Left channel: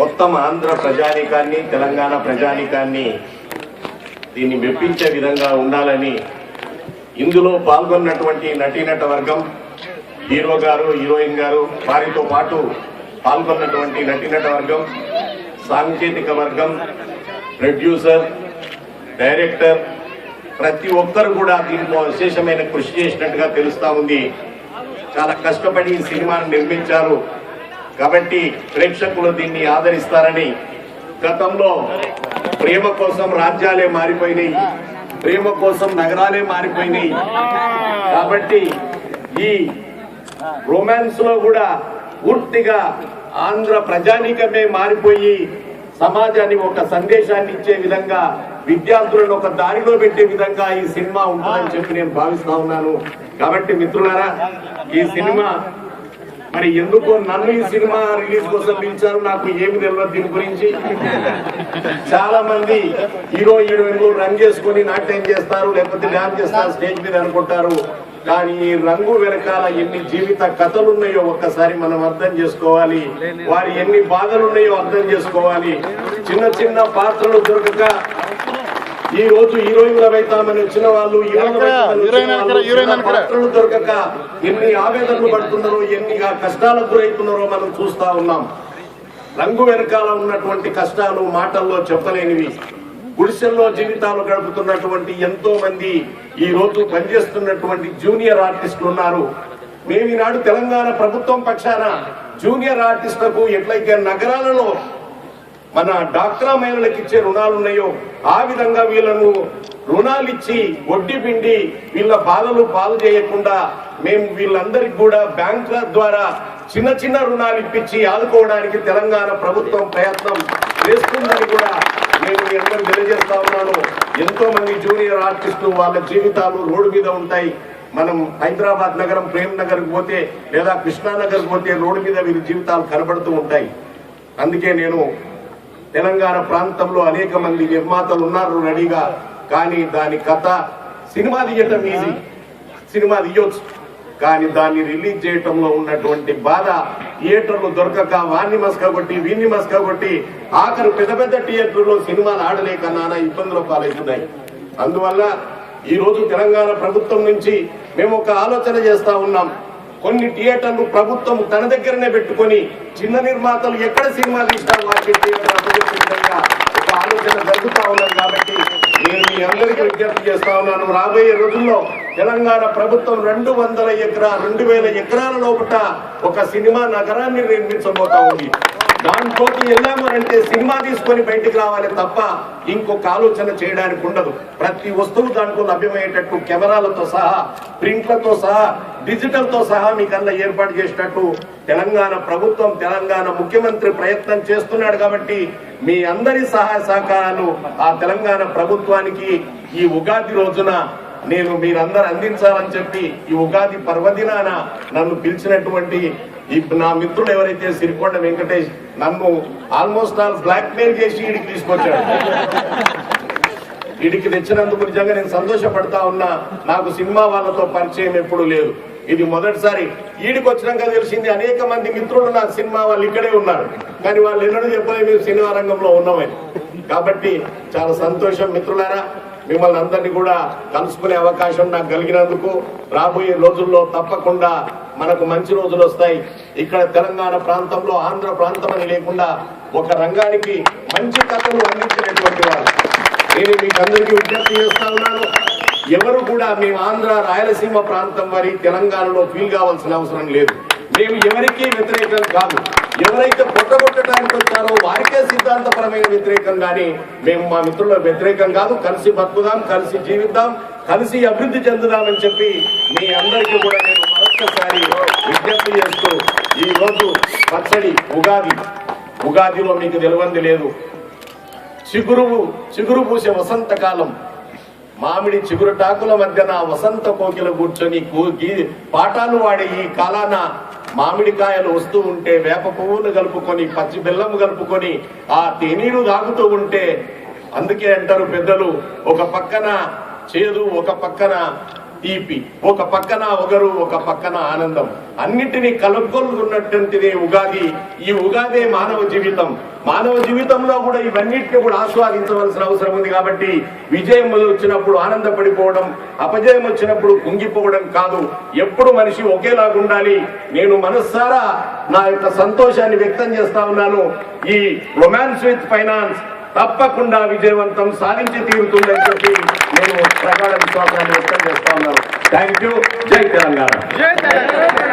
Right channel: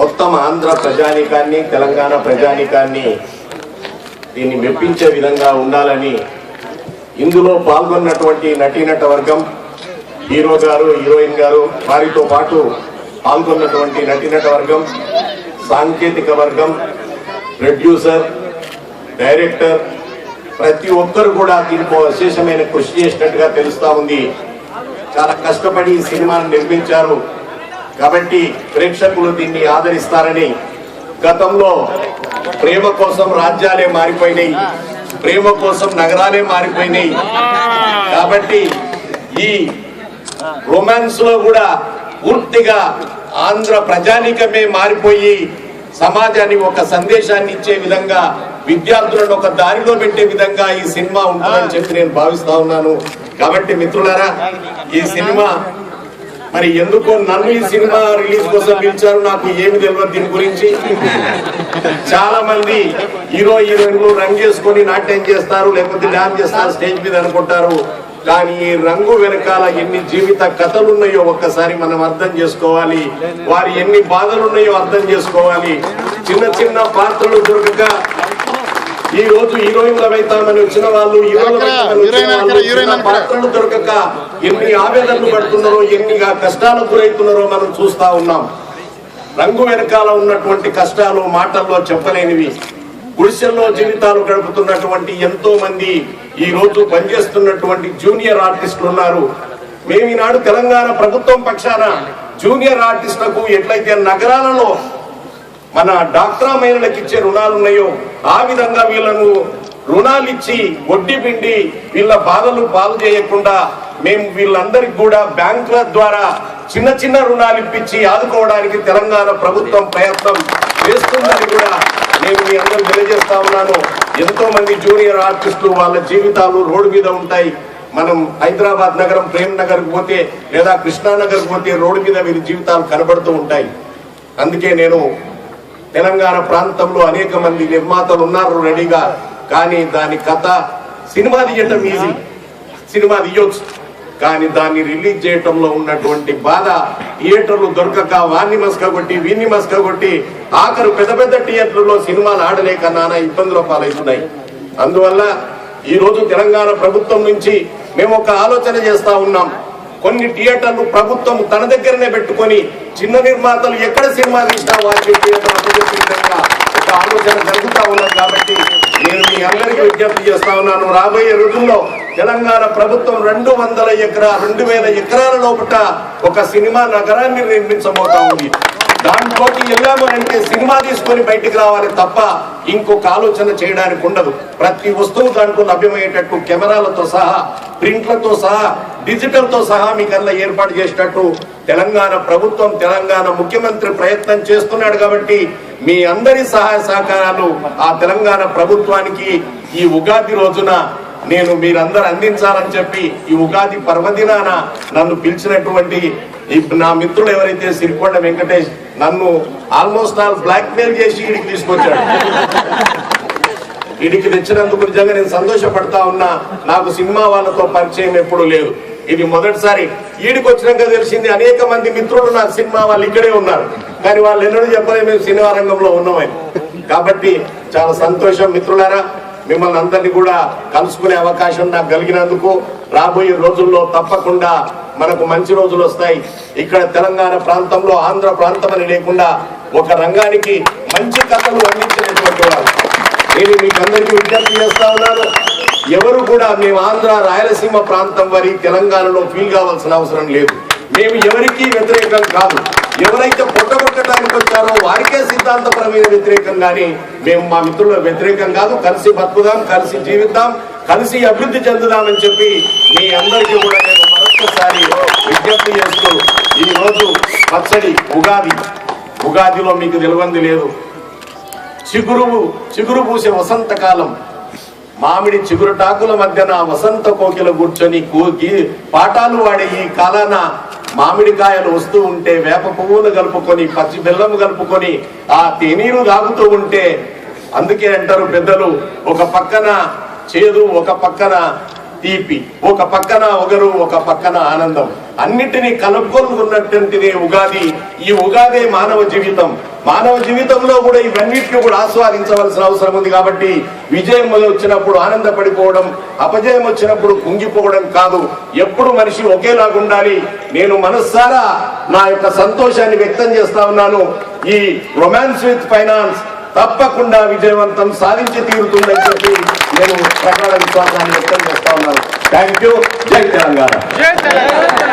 మొత్తం ఆంధ్ర ప్రజానీకాన్ని, తెలంగాణ ప్రజానీకాన్ని దీన్ని మెప్పించే విధంగా ఉండాలని ఇందులో పాల్గొన్నటువంటి నటీనట వర్గం, హీరో గారు, హీరోయిన్ గారు, వారితో పాటు పాల్గొన్నటువంటి నటీనట వర్గం, సాంకేతిక వర్గం, ప్రొడ్యూసర్, డైరెక్టర్, ప్రతి ఒక్కరు కూడా దీనికో విశేషమైన కృషి చేసినట్టుగా తెలుస్తా ఉంది. చాలా కష్టపడి ఈ సినిమాను నిర్మించారు కాబట్టి ప్రేక్షకులు దీన్ని ఆదరిస్తారని. గతంలో ప్రేమ కోసం రాజ్యాలే మారిపోయినాయి, ప్రేమ కోసం నగరాలే మారిపోయినాయి. కాబట్టి ఈ రొమాన్స్ లో కూడా పూర్తిగా ఆంధ్ర ప్రజానీకమే మారిపోయి సమాజాన్ని ఒక సందేశాన్ని ఇచ్చే విధంగా, విద్యార్థులను ఒక దారిలో పెట్టే విధంగా ఈ సినిమా ఉంటుందని చెప్పి నేను భావిస్తా ఉన్నాను. కాబట్టి మిత్రులారా, ఈ సినిమా మరి ఎందుకో నన్ను ఈ సినిమా రిలీజ్ కోసం పిలిచారు నాకు ఏమి తెలియదు దీని గురించి. చాలా మంది హీరో హీరోయిన్లు రంగు చేసుకొని నాట్యం చేస్తారు, లేకపోతే డాన్స్ చేస్తారు స్టేజ్ మీద అనుకుంటారు. కానీ ఈ రంగు వెనకాల ఎన్ని జీవిత కథలు ఉన్నాయో ఒక్కసారి మనం అర్థం చేసుకోవాలి. వారి ఎన్ని బాధలు ఉన్నాయో అర్థం చేసుకోవాలి. చిన్న చిన్న పాత్రలు దొరకక ఈ రోజు హీరోయిన్లు అవుతామని వచ్చిన వాళ్ళు, పాత్రలు దొరకక ఎన్ని ఆవేదనలు పడుతున్నారో, ఎన్ని కష్టాలకు గురవుతున్నారో మనం చూస్తా ఉన్నాం. రంగు వెనకాల ఉన్నటువంటి కష్టాలు మాటల్లో చెప్పలేనివి. గుడిసెల్లో జీవితాలు గడుపుతున్నటువంటి ఎంతో మంది ఈ రోజు పనిచేస్తున్నటువంటి జూనియర్ ఆర్టిస్టులు ఉన్నారు. మేము ఈనాడు తెలంగాణ ప్రభుత్వం పక్షాన జూనియర్ ఆర్టిస్టులకు ఎట్లయితే నగరాలలో మన డాక్టరా మహిళలకు ఇచ్చే రుణాలు ఉన్నాయో ఆ విధంగా వీళ్ళను రుణాలు ఇచ్చి వడ్డీ పిండి వీళ్ళ బాధలు పాలు చేయకుండా మేము వీళ్ళందరికీ కూడా బ్యాంకుల ద్వారా చిన్న చిన్న రుణాలు ఇప్పించి ఆదుకోవడానికి తెలంగాణ ప్రభుత్వం ప్రయత్నం చేస్తుందని కూడా నేను మీ అందరూ తెలియజేస్తా ఉన్నాను. ఎంతో మంది జూనియర్ ఆర్టిస్టులు వాళ్ళ జీవితాలు రోడ్డు మీద ఉంటాయి. మనం హైదరాబాద్ నగరం ప్రేమ్ నగర్కి పోతే లేదా కృష్ణానగర్కి పోతే రోడ్డు మీద వీరి జీవితాలు కనబడుతూ ఉంటాయి. అందుకే నేను తెలంగాణ ప్రాంతంలో అనేక మంది నిర్మాతలు ఉన్నారు రెడీగా. కానీ దాని కథ సినిమా తీయటం ఈజీ, సినిమా తీయొచ్చు, కానీ దాన్ని రిలీజ్ చేయటంలో ఉన్నటువంటి బాధ థియేటర్లు దొరకక వాన్ని మస్క కొట్టి వీన్ని మస్క కొట్టి ఆఖరు పెద్ద పెద్ద థియేటర్లో సినిమాలు ఆడలేక నానా ఇబ్బందుల పాలవుతున్నాయి. అందువల్ల ఈ రోజు తెలంగాణ ప్రభుత్వం నుంచి మేము ఒక ఆలోచన చేస్తా ఉన్నాం. కొన్ని థియేటర్లు ప్రభుత్వం తన దగ్గరనే పెట్టుకొని చిన్న నిర్మాతలు ఎక్కడ సినిమా తీసినా వారి థియేటర్ అప్పచెప్పే విధంగా ఒక ఆలోచన జరుగుతూ ఉన్నది. కాబట్టి నేను మీ అందరికీ విజ్ఞప్తి చేస్తా ఉన్నాను, రాబోయే రోజుల్లో తెలంగాణ ప్రభుత్వం 200,000 ఎకరాల లోపల ఒక సినిమా నగరాన్ని నిర్మించబోతా ఉంది. దాంట్లోకి వెళ్ళామనంటే సినిమా తీసుకొని బయటికి రావాలి తప్ప ఇంకొక ఆలోచన చేయడానికి ఉండదు. ప్రతి వస్తువు దాంట్లో లభ్యమయ్యేటట్టు కెమెరాలతో సహా, ప్రింట్లతో సహా, డిజిటల్ తో సహా మీకల్లా ఏర్పాటు చేసేటట్టు తెలంగాణ ప్రభుత్వం, తెలంగాణ ముఖ్యమంత్రి ప్రయత్నం చేస్తున్నాడు. కాబట్టి మీ అందరి సహాయ సహకారాలు ఆ తెలంగాణ ప్రభుత్వానికి ఈ ఉగాది రోజున నేను మీరందరూ అందించాలని చెప్పి ఈ ఉగాది పర్వదినాన నన్ను పిలిచినటువంటి నా మిత్రుడు ఎవరైతే సిరికొండ వెంకటేష్ నన్ను ఆల్మోస్ట్ ఆల్ బ్లాక్ మెయిల్ చేసి ఈడికి తీసుకొచ్చాడు. ఈడికి తెచ్చినందుకు నిజంగా నేను సంతోషపడతా ఉన్నా. నాకు సినిమా వాళ్ళతో పరిచయం ఎప్పుడు లేదు, ఇది మొదటిసారి. ఈడికి వచ్చినాక తెలిసింది అనేక మంది మిత్రులు నాకు సినిమా వాళ్ళు ఇక్కడే ఉన్నారు, కానీ వాళ్ళు ఎన్నడూ చెప్పలేదు మేము సినిమా రంగంలో ఉన్నామని. కాబట్టి చాలా సంతోషం మిత్రులారా. మిమ్మల్ని అందరినీ కూడా కలుసుకునే అవకాశం నాకు కలిగినందుకు రాబోయే రోజుల్లో తప్పకుండా మనకు మంచి రోజులు వస్తాయి. ఇక్కడ తెలంగాణ ప్రాంతంలో ఆంధ్ర ప్రాంతం అని లేకుండా ఒక రంగానికి మంచి కథలు అందించినటువంటి వారు నేను మీకు అందరికీ విజ్ఞప్తి చేస్తా ఉన్నాను. ఎవరు కూడా మేము ఆంధ్ర రాయలసీమ ప్రాంతం వారి తెలంగాణలో ఫీల్ కావాల్సిన అవసరం లేదు. మేము ఎవరికీ వ్యతిరేకం కాదు. ఎవరైతే పొట్టగొట్టడానికి వచ్చారో వారికే సిద్ధాంతపరమైన వ్యతిరేకం, కానీ మేము మా మిత్రుల వ్యతిరేకం కాదు. కలిసి బతుకుదాం, కలిసి జీవిద్దాం, కలిసి అభివృద్ధి చెందుదామని చెప్పి మీ అందరికీ కూడా నేను మరొకసారి విజ్ఞప్తి చేస్తూ, ఈ రోజు పచ్చడి ఉగాదిలో మీకు తెలియంది లేదు. చిగురు పూసే వసంతకాలం, మామిడి చిగురుటాకుల మధ్యన వసంత కోకిల కూర్చొని పాఠాలు వాడే ఈ కాలాన మామిడికాయలు వస్తూ ఉంటే వేప పువ్వులు కలుపుకొని పచ్చి బెల్లం కలుపుకొని ఆ తేనీరు తాగుతూ ఉంటే, అందుకే అంటారు పెద్దలు, ఒక పక్కన చేదు ఒక పక్కన తీపి, ఒక పక్కన ఒగరు, ఒక పక్కన ఆనందం, అన్నిటినీ కలుపుకొన్నటువంటిదే ఉగాది. ఈ ఉగాదే మానవ జీవితం. మానవ జీవితంలో కూడా ఇవన్నిటిని కూడా ఆస్వాదించవలసిన అవసరం ఉంది. కాబట్టి విజయం వచ్చినప్పుడు ఆనందపడిపోవడం, అపజయం వచ్చినప్పుడు కుంగిపోవడం కాదు. ఎప్పుడు మనిషి ఒకేలాగా ఉండాలి. నేను మనస్సారా నా యొక్క సంతోషాన్ని వ్యక్తం చేస్తా ఉన్నాను. ఈ రొమాన్స్ విత్ ఫైనాన్స్ తప్పకుండా విజయవంతం సాధించి తీరుతుందని చెప్పి నేను ప్రగాఢ విశ్వాసాన్ని వ్యక్తం చేస్తా ఉన్నాను. Thank you. జై తెలంగాణ.